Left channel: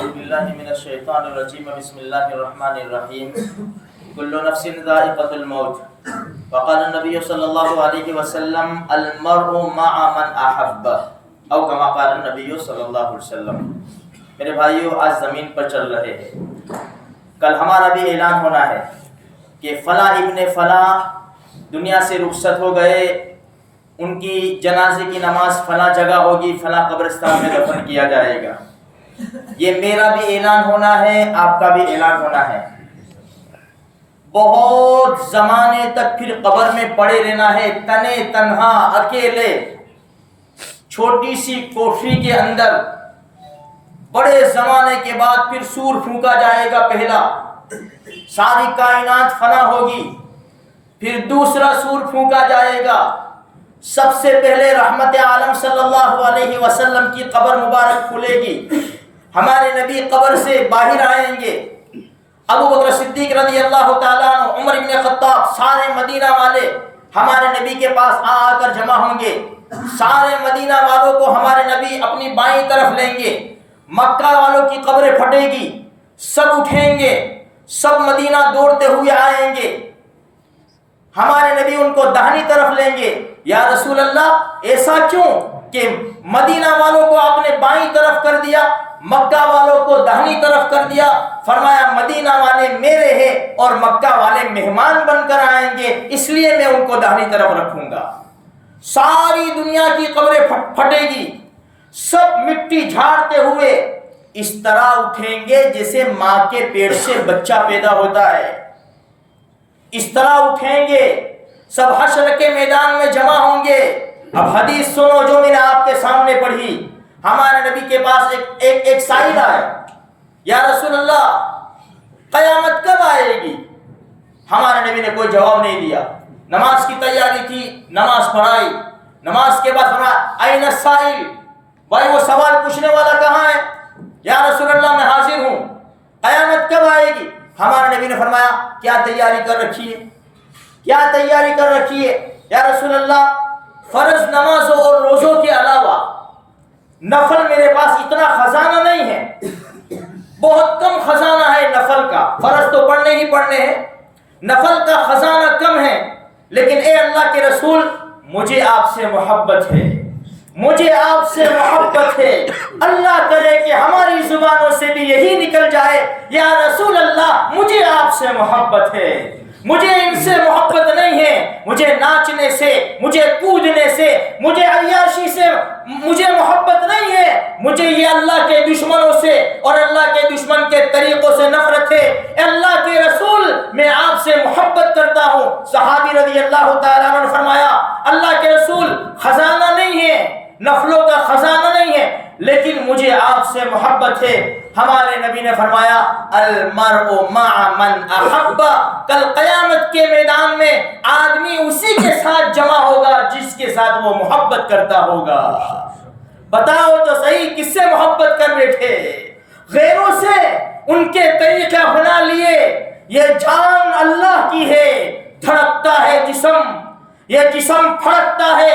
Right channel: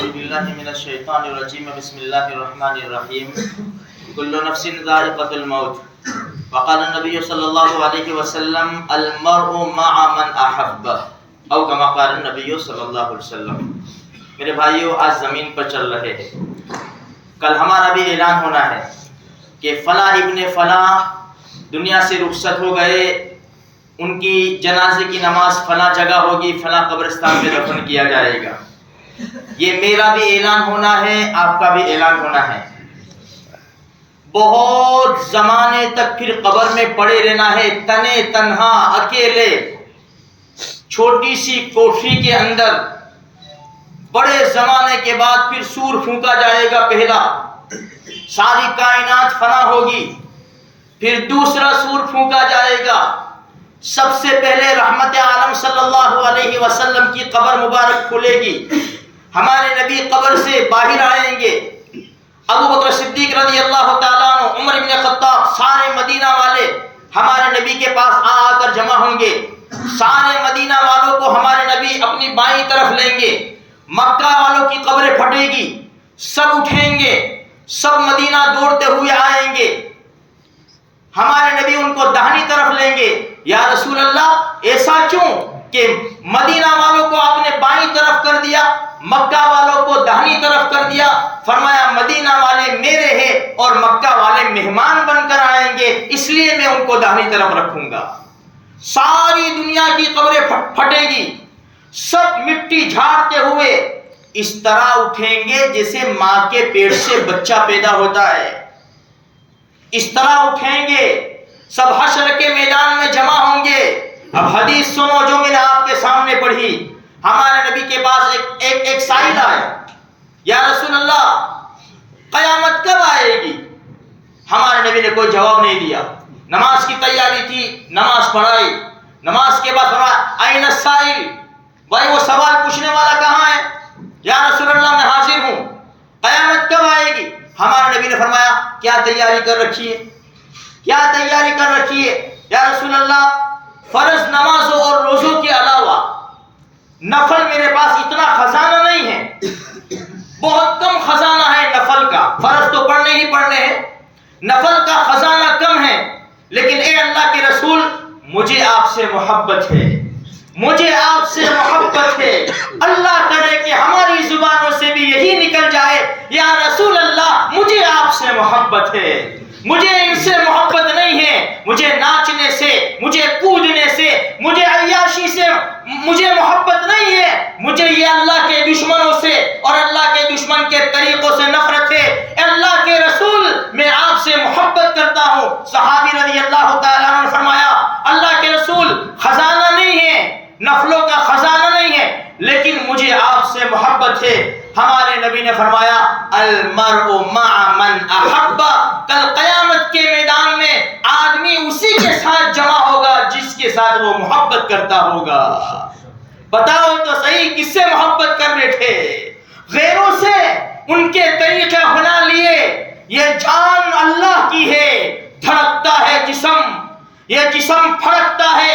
اعوذ باللہ من الشیطان الرجیم بسم اللہ الرحمن الرحیم کل نفس ذائقۃ الموت وقال النبی صلی اللہ علیہ وسلم المرء مع من احب او کما قال النبی صلی اللہ علیہ وسلم۔ میرے بھائیو، آج زمین پر چل رہے ہیں، کل ہمارا بھی اعلان ہونا ہے کہ فلاں ابن فلاں دنیا سے رخصت ہو گئے، ان کی جنازے کی نماز فلاں جگہ ہوگی، فلاں قبرستان میں دفن کیا جائے گا۔ یہ میرا بھی اعلان ہونا ہے، آپ کا بھی اعلان ہونا ہے۔ بہت زمانے تک پھر قبر میں پڑے رہنا ہے، تنے تنہا اکیلے چھوٹی سی کوٹھی کے اندر۔ بڑے زمانے کے بعد پھر سور پھونکا جائے گا، پہلا ساری کائنات فنا ہوگی، پھر دوسرا سور پھونکا جائے گا۔ سب سے پہلے رحمت عالم صلی اللہ علیہ وسلم کی قبر مبارک کھلے گی، ہمارے نبی قبر سے باہر آئیں گے، ابو بکر صدیق رضی اللہ تعالیٰ عنہ، عمر بن خطاب، سارے مدینہ والے ہمارے نبی کے پاس آ کر جمع ہوں گے۔ سارے مدینہ والوں کو ہمارے نبی اپنی بائیں طرف لیں گے، مکہ والوں کی قبریں پھٹے گی، سب اٹھیں گے، سب مدینہ دوڑتے ہوئے آئیں گے، ہمارے نبی ان کو داہنی طرف لیں گے۔ یا رسول اللہ، ایسا کیوں کہ مدینہ والوں کو آپ نے بائیں طرف کر دیا، مکہ والوں کو داہنی طرف کر دیا؟ فرمایا مدینہ والے میرے ہیں اور مکہ والے مہمان بن کر آئیں گے، اس لیے میں ان کو داہنی طرف رکھوں گا۔ ساری دنیا کی قبریں پھٹے گی، سب مٹی جھاڑتے ہوئے اس طرح اٹھیں گے جیسے ماں کے پیٹ سے بچہ پیدا ہوتا ہے، اس طرح اٹھیں گے، سب حشر کے میدان میں جمع ہوں گے۔ اب حدیث سنو جو میں نے آپ کے سامنے پڑھی۔ ہمارے نبی کے پاس ایک سائل آیا، یا رسول اللہ قیامت کب آئے گی؟ ہمارے نبی نے کوئی جواب نہیں دیا۔ نماز کی تیاری تھی، نماز پڑھائی، نماز کے بعد فرمایا این السائل، بھائی وہ سوال پوچھنے والا کہاں ہے؟ یا رسول اللہ میں حاضر ہوں، قیامت کب آئے گی؟ ہمارے نبی نے فرمایا کیا تیاری کر رکھی ہے؟ کیا تیاری کر رکھی ہے؟ یا رسول اللہ فرض نمازوں اور روزوں کے علاوہ نفل میرے پاس اتنا خزانہ نہیں ہے، بہت کم خزانہ ہے نفل کا، فرض تو پڑھنے ہی پڑھنے ہیں، نفل کا خزانہ کم ہے، لیکن اے اللہ کے رسول مجھے آپ سے محبت ہے، مجھے آپ سے محبت ہے۔ اللہ کرے کہ ہماری زبانوں سے بھی یہی نکل جائے، یا رسول اللہ مجھے آپ سے محبت ہے، مجھے ان سے محبت نہیں ہے، مجھے ناچنے سے، مجھے کودنے سے، مجھے عیاشی سے مجھے محبت نہیں ہے، مجھے یہ اللہ کے دشمنوں سے اور اللہ کے دشمن کے طریقوں سے نفرت ہے۔ اے اللہ کے رسول میں آپ سے محبت کرتا ہوں۔ صحابی رضی اللہ تعالیٰ عنہ نے فرمایا اللہ کے رسول خزانہ نہیں ہے، نفلوں کا خزانہ نہیں ہے، لیکن مجھے آپ سے محبت ہے۔ ہمارے نبی نے فرمایا المرء مع من احب، کل قیامت کے میدان میں آدمی اسی کے ساتھ جمع ہوگا جس کے ساتھ وہ محبت کرتا ہوگا۔ بتاؤ تو صحیح کس سے محبت کر بیٹھے؟ غیروں سے، ان کے طریقے بنا لیے۔ یہ جان اللہ کی ہے، دھڑکتا ہے جسم، یہ جسم پھڑکتا ہے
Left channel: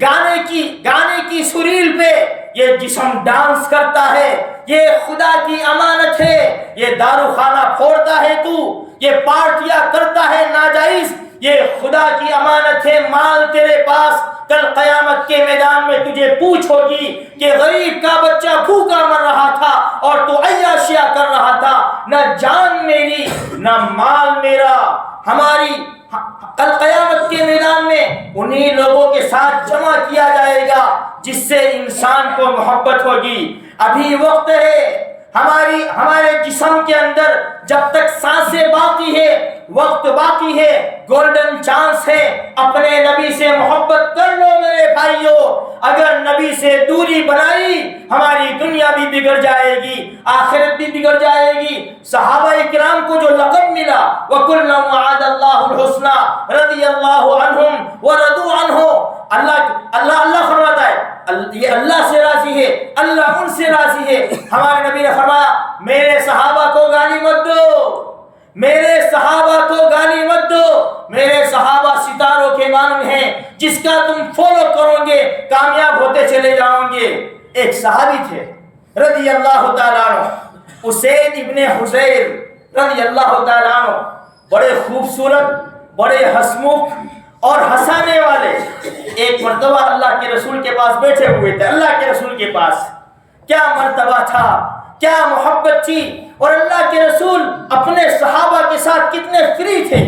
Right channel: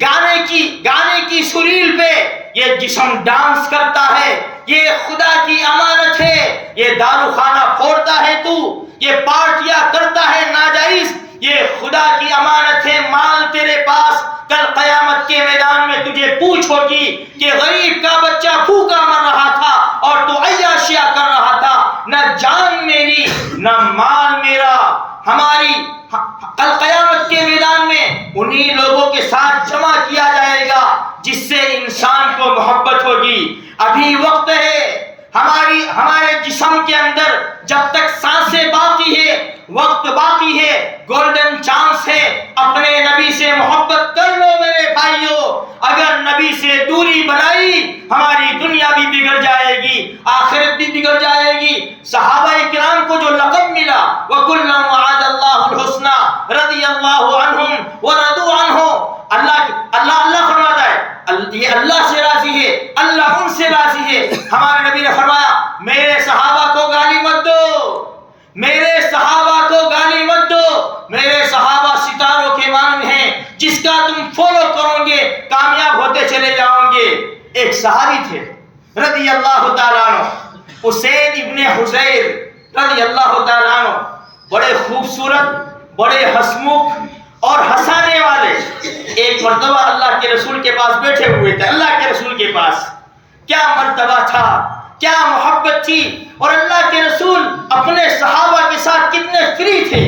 گانے کی سریل پہ یہ جسم ڈانس کرتا ہے۔ یہ خدا کی امانت ہے، یہ دارو خانہ پھوڑتا ہے تو، یہ پارٹیاں کرتا ہے ناجائز، یہ خدا کی امانت ہے، مال تیرے پاس۔ کل قیامت کے میدان میں تجھے پوچھ ہوگی کہ غریب کا بچہ بھوکا مر رہا تھا اور تو عیاشیاں کر رہا تھا، نہ جان میری نہ مال میرا۔ ہماری کل قیامت کے میدان میں انہی لوگوں کے ساتھ جمع کیا جائے گا جس سے انسان کو محبت ہوگی۔ ابھی وقت ہے، ہمارے جسم کے اندر جب تک سانسیں باقی ہے، وقت باقی ہے، گولڈن چانس ہے، اپنے نبی سے محبت کر لو میرے بھائیوں۔ اگر نبی سے دوری بنائی ہماری دنیا بھی بگڑ جائے گی، آخرت بھی بگڑ جائے گی۔ صحابہ کرام کو جو لقب ملا وَكُلًّا وَعَدَ اللَّهُ الْحُسْنَى رضی اللہ عنہم وَرَضُوا عَنْهُ، اللہ فرماتا ہے یہ اللہ سے راضی ہے، اللہ ان سے راضی ہے۔ ہمارے نبی نے فرمایا میرے صحابہ کو گالی مت دو، میرے صحابہ کو گالی مت دو، میرے صحابہ ستاروں کے مانند ہیں، جس کا تم فالو کرو گے کامیاب ہوتے چلے جاؤ گے۔ ایک صحابی تھے رضی اللہ تعالیٰ عنہ، اسید ابن حضیر رضی اللہ تعالیٰ عنہ، بڑے خوبصورت، بڑے ہسمکھ اور ہنسانے والے، ایک مرتبہ اللہ کے رسول کے پاس بیٹھے ہوئے تھے۔ اللہ کے رسول کے پاس کیا مرتبہ تھا، کیا محبت تھی، اور اللہ کے رسول اپنے صحابہ کے ساتھ کتنے فری تھے۔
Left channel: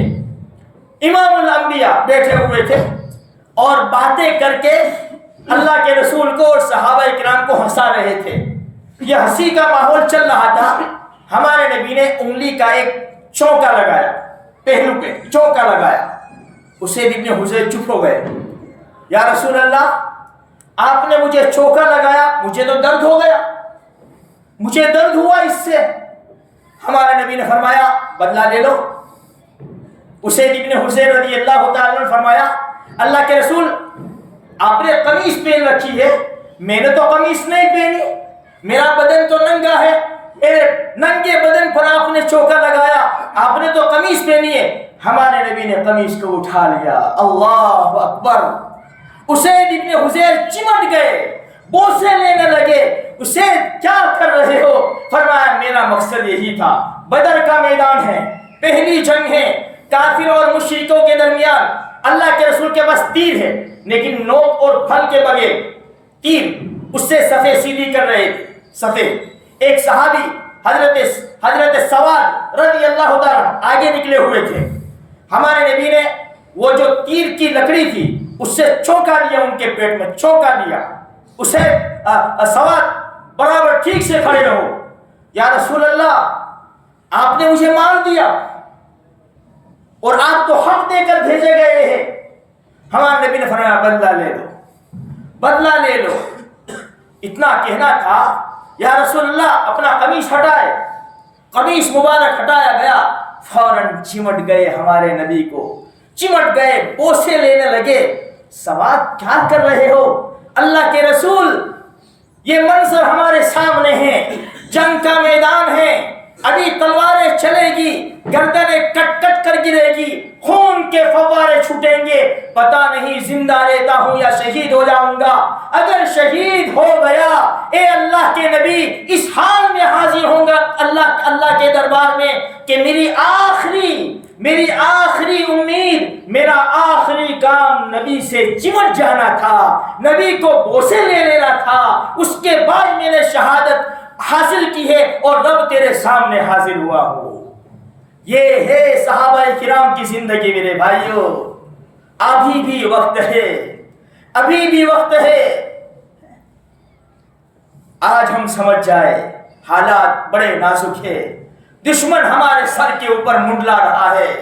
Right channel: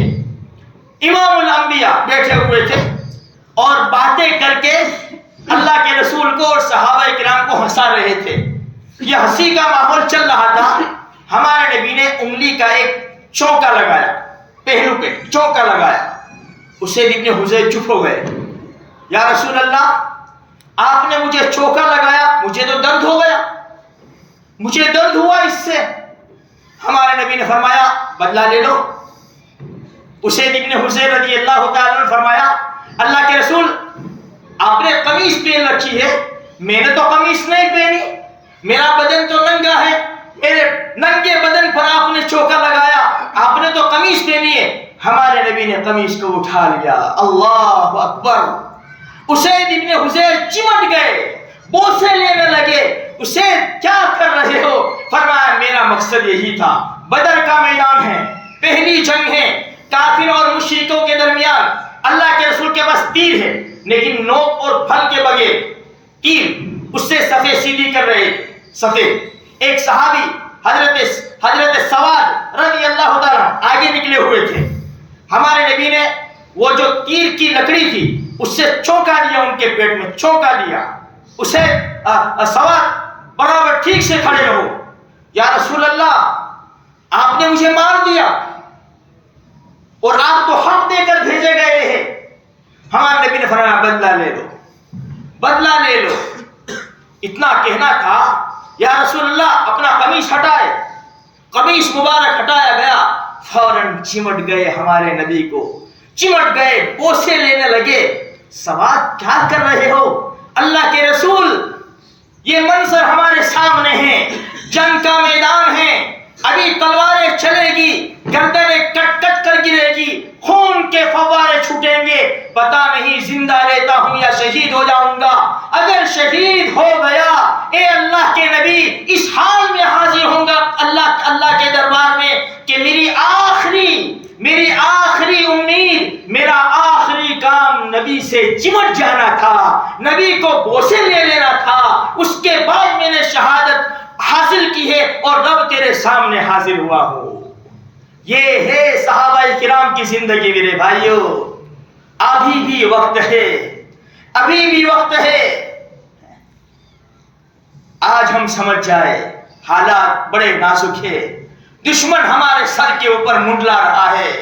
امام الانبیاء بیٹھے ہوئے تھے اور باتیں کر کے اللہ کے رسول کو اور صحابہ کرام کو ہنسا رہے تھے۔ یہ ہنسی کا ماحول چل رہا تھا، ہمارے نبی نے انگلی کا ایک چونکا لگایا، پہلو پہ چونکا لگایا۔ اسید ابن حضیر چپ ہو گئے۔ یا رسول اللہ، آپ نے مجھے چونکا لگایا، مجھے تو درد ہو گیا، مجھے درد ہوا اس سے۔ ہمارے نبی نے فرمایا بدلہ لے لو۔ اسید ابن حضیر رضی اللہ تعالیٰ نے فرمایا اللہ کے رسول، آپ نے قمیص پہن رکھی ہے، میں نے تو قمیص نہیں پہنی، میرا بدن تو ننگا ہے، میرے ننگے بدن پر آپ نے چوکا لگایا، آپ نے تو قمیص پہنی ہے۔ ہمارے نبی نے قمیص کو اٹھا لیا۔ اللہ اکبر! اسید ابن حضیر چمٹ گئے، بوسے لینے لگے۔ اسید کیا کر رہے ہو؟ فرمایا میرا مقصد یہی تھا، بدر کا میدان ہے، پہلی جنگ ہے، کافر اور مشرکوں کے درمیان، اللہ کے رسول کے پاس تیر ہے لیکن نوک اور پھل کے بغیر، تیر اس سے صفے سیدھی کر رہے تھے۔ صفے، ایک صحابی حضرت سواد رضی اللہ تعالیٰ آگے نکلے ہوئے تھے۔ ہمارے نبی نے وہ جو تیر کی لکڑی تھی اس سے چونکا دیا، ان کے پیٹ میں چونکا دیا۔ اسے سواد برابر ٹھیک سے کھڑے رہو۔ یا رسول اللہ، آپ نے مجھے مار دیا اور آپ کو حق دے کر بھیجے گئے ہیں۔ ہمارے نبی نے فرمایا بدلہ لے لو، بدلہ لے لو۔ اتنا کہنا تھا، یا رسول اللہ اپنا قمیص ہٹائے۔ قمیص مبارک ہٹایا گیا، فوراً چمٹ گئے ہمارے نبی کو، چمٹ گئے، بوسے لینے لگے۔ سواد کیا کر رہے ہو؟ اللہ کے رسول، یہ منظر ہمارے سامنے ہے، جنگ کا میدان ہے، ابھی تلواریں چلے گی، گردنیں کٹ کٹ کر گرے گی، خون کے فوارے چھوٹیں گے، پتہ نہیں زندہ رہتا ہوں یا شہید ہو جاؤں گا۔ اگر شہید ہو گیا، اے اللہ کے نبی، اس حال میں حاضر ہوں گا اللہ کے دربار میں کہ میری آخری امید، میرا آخری کام نبی سے چمٹ جانا تھا، نبی کو بوسے لے لینا تھا، اس کے بعد میں نے شہادت حاصل کی ہے اور رب تیرے سامنے حاضر ہوا ہوں۔ یہ ہے صحابہ کرام کی زندگی میرے بھائیوں۔ ابھی بھی وقت ہے، ابھی بھی وقت ہے۔ آج ہم سمجھ جائے حالات بڑے نازک ہے، دشمن ہمارے سر کے اوپر منڈلا رہا ہے،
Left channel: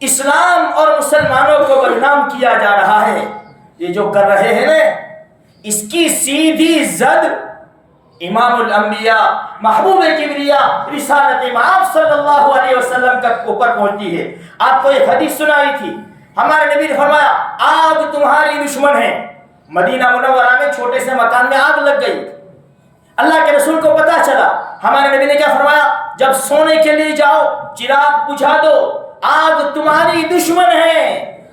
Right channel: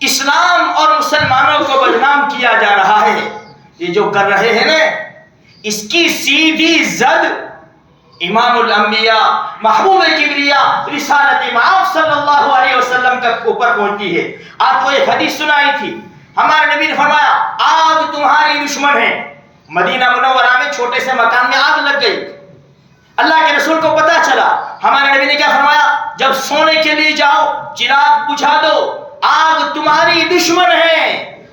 اسلام اور مسلمانوں کو بدنام کیا جا رہا ہے۔ یہ جو کر رہے ہیں نا، اس کی سیدھی زد امام الانبیاء، محبوب کبریا، رسالت مآب صلی اللہ علیہ وسلم کے اوپر پہنچتی ہے۔ آپ کو ایک حدیث سنائی تھی، ہمارے نبی نے فرمایا آگ تمہاری دشمن ہے۔ مدینہ منورہ میں چھوٹے سے مکان میں آگ لگ گئی، اللہ کے رسول کو پتا چلا۔ ہمارے نبی نے کیا فرمایا؟ جب سونے کے لیے جاؤ چراغ بجھا دو، آگ تمہاری دشمن ہے،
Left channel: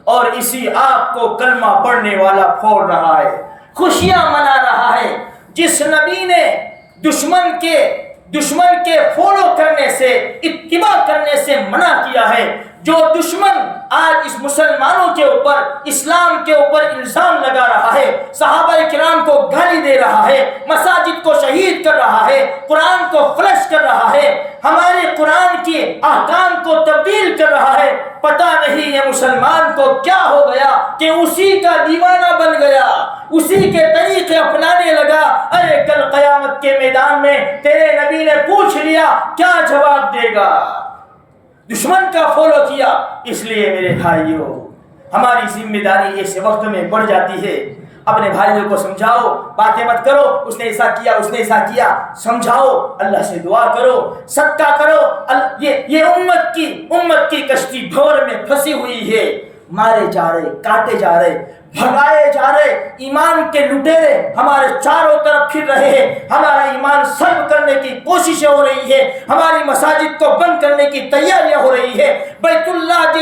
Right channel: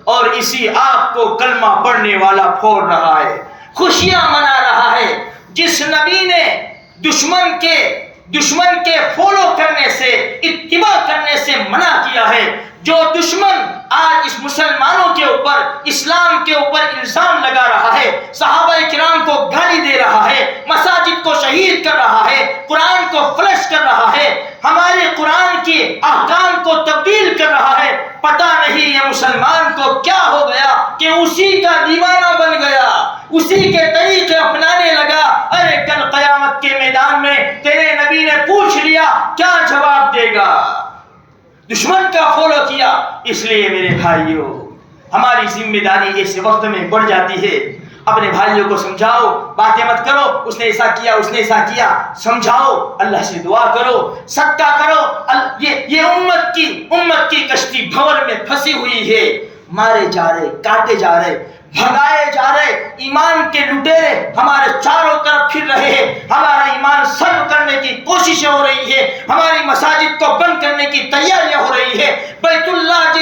اور اسی آگ کو کلمہ پڑھنے والا پھوڑ رہا ہے، خوشیاں منا رہا ہے۔ جس نبی نے دشمن کے فالو کرنے سے، اتباع کرنے سے منع کیا ہے، جو دشمن آج اس مسلمانوں کے اوپر، اسلام کے اوپر الزام لگا رہا ہے، صحابہ کرام کو گالی دے رہا ہے، مساجد کو شہید کر رہا ہے، قرآن کو فلش کر رہا ہے، ہمارے قرآن کے احکام کو تبدیل کر رہا ہے، پتہ نہیں یہ مسلمان کو کیا ہو گیا کہ اسی کا دیوانہ بن گیا، اسی کے طریقے اپنانے لگا۔ ارے کل قیامت کے میدان میں تیرے نبی نے پوچھ لیا، کیا جواب دے گا؟ دشمن کا فالو کیا۔ اس لیے میرے بھائیوں، ہماری ذمہ داری اس وقت میں بڑھ جاتی ہے۔ اپنے بھائیوں کو سمجھاؤ، باتیں مت کرو اس نے ایسا کیا، اس نے ایسا کیا، سمجھاؤ، اللہ سے دعا کرو، صدقہ کرو۔ یہ امت کی کشتی بھور میں پھنسی ہوئی ہے، مارے جا رہے، کاٹے جا رہے، بھگائے جا رہے، ایمان کے لٹیرے ہمارے چاروں طرف پھر رہے ہیں، ہمارا ایمان سلب کرنے کی کوششیں ہو رہی ہے, ہماری مساجد کو بند کرنے کی تیاریاں ہو رہی ہے. بیت اللہ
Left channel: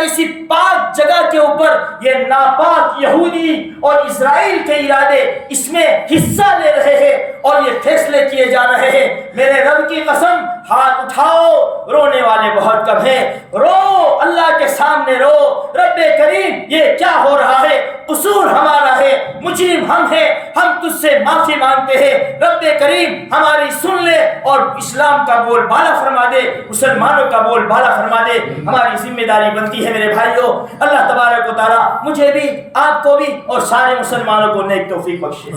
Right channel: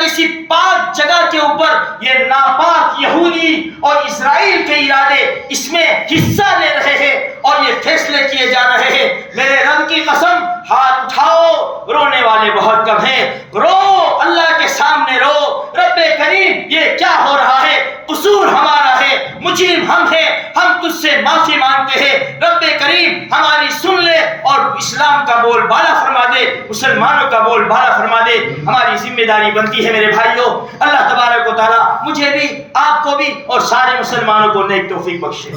جیسی پاک جگہ کے اوپر یہ ناپاک یہودی اور اسرائیل کے ارادے اس میں حصہ لے رہے ہیں اور یہ فیصلے کیے جا رہے ہیں. میرے رب کی قسم, ہاتھ اٹھاؤ, رونے والے بہت کم ہیں. رو, اللہ کے سامنے رو, رب کریم یہ کیا ہو رہا ہے, قصور ہمارا ہے, مجرم ہم ہیں, ہم تجھ سے معافی مانگتے ہیں. رب کریم ہماری سن لے اور اسلام کا بول بالا فرما دے, مسلمانوں کا بول بالا فرما دے. ہماری ذمہ داری بنتی ہے میرے بھائیوں, اللہ تبارک و تعالیٰ مجھے بھی, آپ کو بھی اور سارے مسلمانوں کو نیک توفیق بخشے.